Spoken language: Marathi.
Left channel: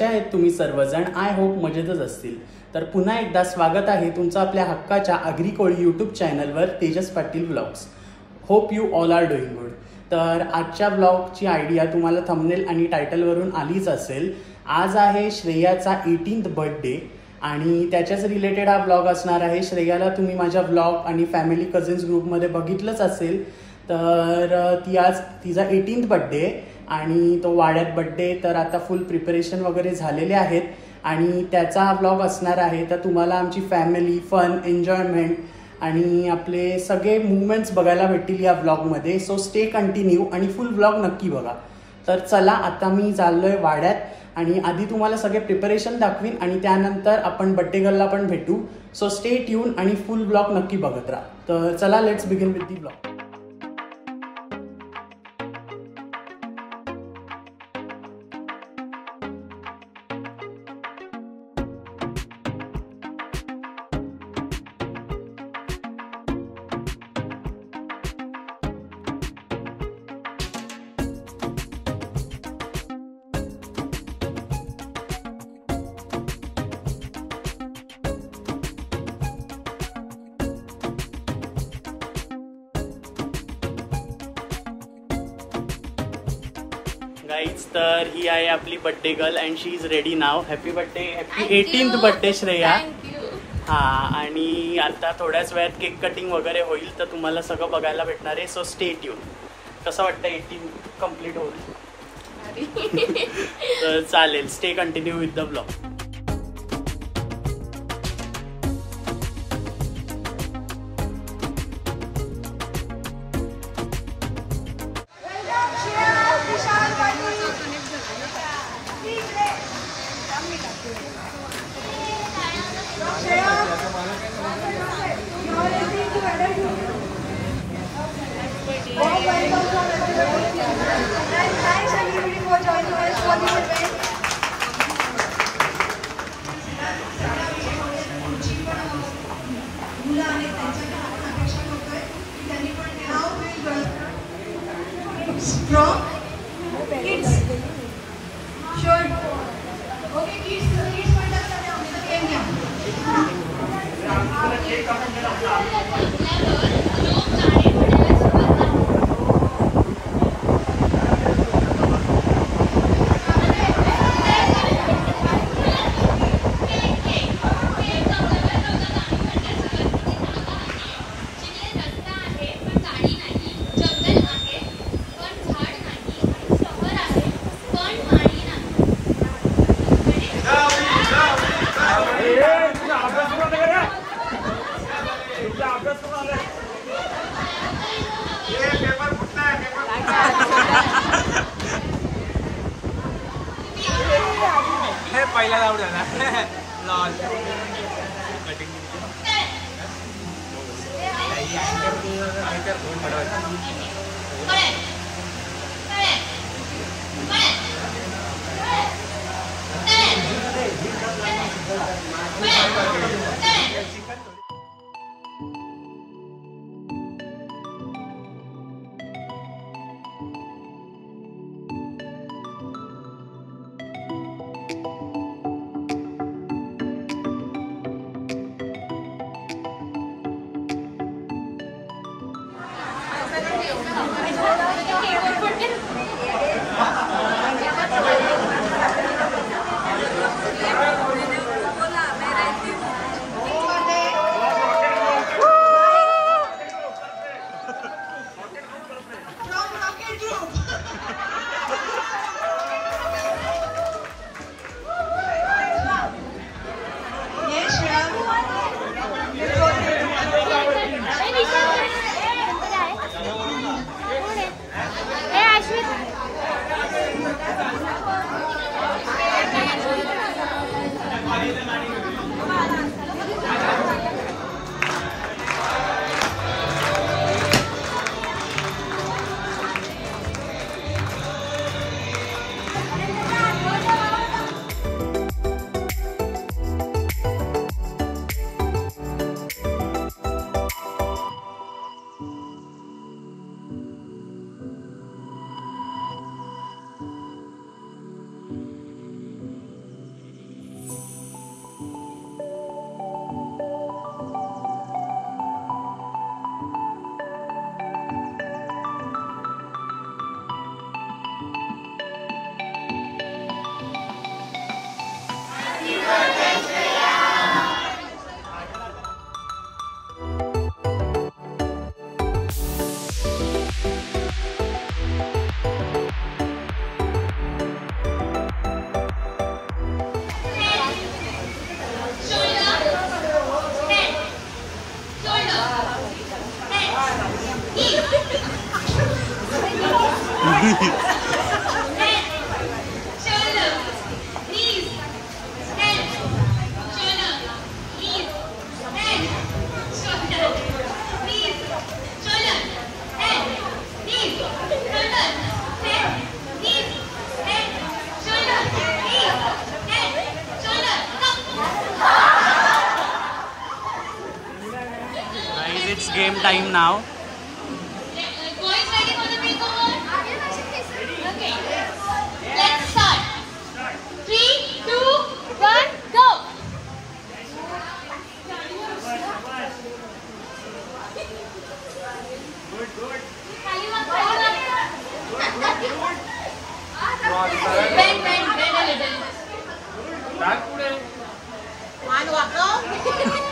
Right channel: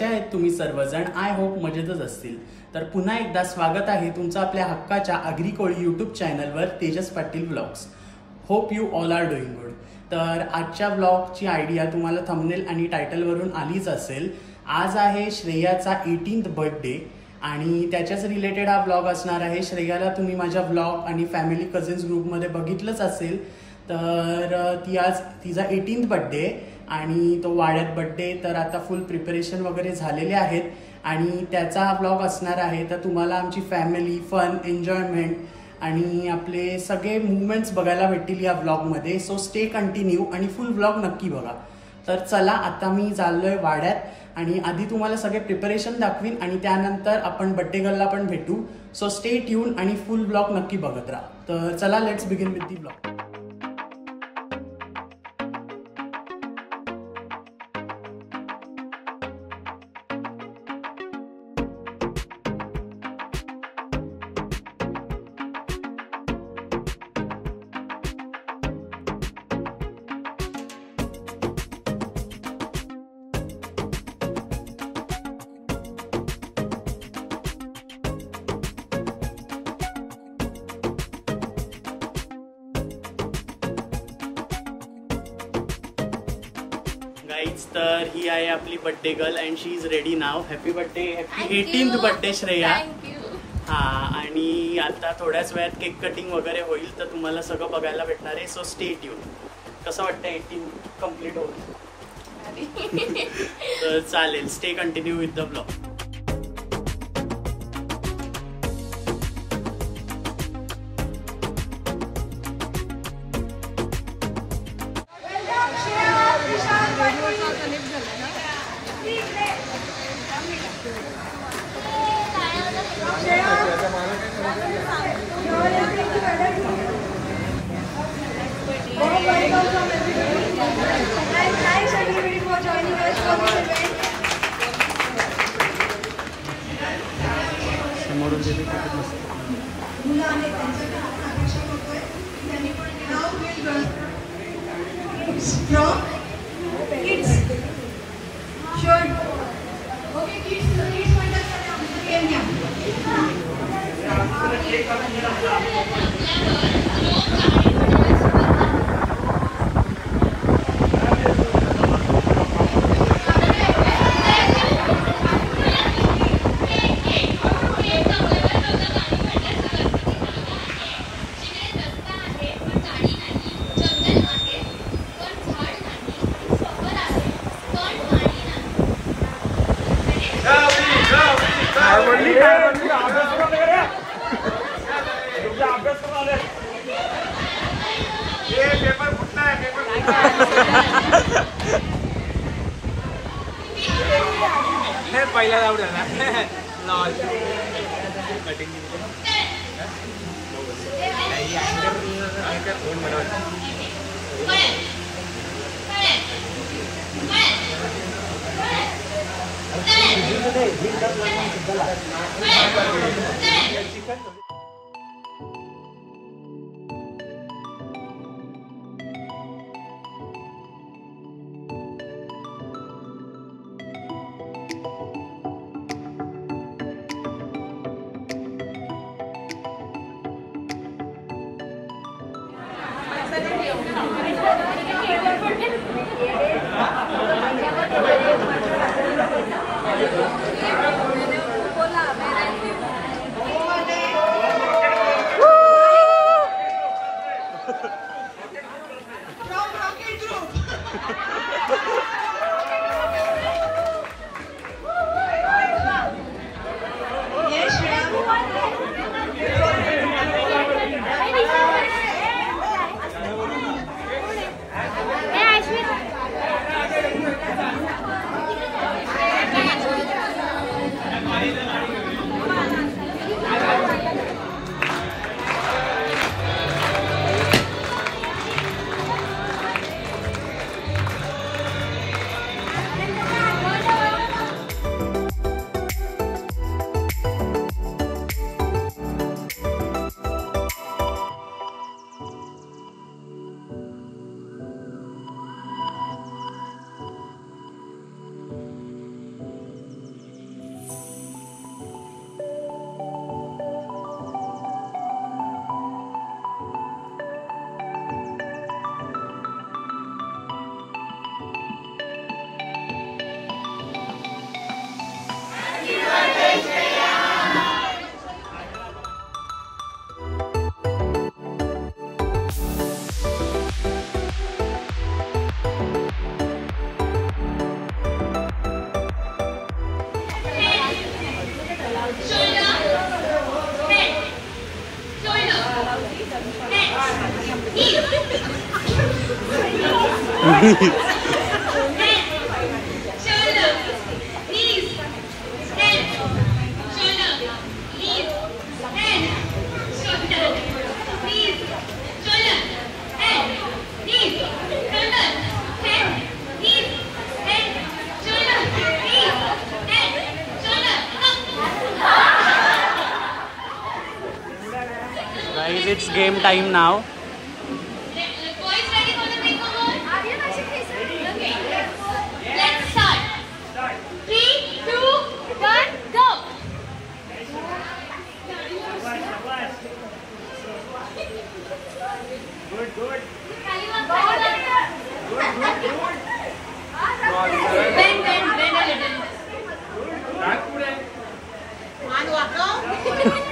कसे आहेत तुम्ही सर्वजण? आय होप मजेतच असतील. तर पुन्हा एकदा स्वागत आहे तुमचं आपल्या हक्काच्या आगरी कोळी यूट्यूब चॅनलवर Tejas Patil vlogs. Hope you all are doing good. तर आजच्या व्लॉगची आयडिया तुम्हाला थंबनेल आणि टायटलवरून आलीच असेल. आज आहे श्रेयाचा 18th बर्थडे आणि त्याच्याच रिलेटेड हा व्लॉग असणार आहे. श्रेयाला तुम्ही माझ्या व्लॉग आणि फॅमिली कझिन्स ग्रुपमध्ये बघितलंच असेल. तर तिचा 18th बर्थडे आणि तो वाड्यात बर्थडे. तर आता फुल प्रिपरेशन वगैरे झालेले आहेत आणि त्याचा हा व्लॉग असणार आहे. तर तुम्हाला आमची फॅमिली, फन, एन्जॉयमेंट आणि आपले सगळे मुवमेंट्स बघायला भेटतील या व्लॉगमध्ये. सो स्टे कंटिन्यू आणि फुल व्लॉग नक्की बघा. तर चला आता मी चाललोय वाड्यात आणि आधी तुम्हाला सगळे प्रिपरेशन दाखवीन आणि त्यानंतर आपण बर्थडे गर्लला पण भेटू. सो स्टे ट्यून आणि फुल व्लॉग नक्की बघत राहा. तर चला let's begin with the vlog. Guys, तर ही आहे आपली birthday girl and she is ready now. Happy birthday, happy 18th birthday Shreya. हा, आणि आता थोड्याच वेळात केक कटिंग वगैरे होईल तर तुम्हाला सगळं बघायला भेटणार आहे. So stay tune. कसं वाटतं 18 कम्प्लीट होईल? तर चालेल, stay continue with the blog. Strong kids should kids पहिला लावलं ना lol cutting Guys, it's game time now. Bend a little.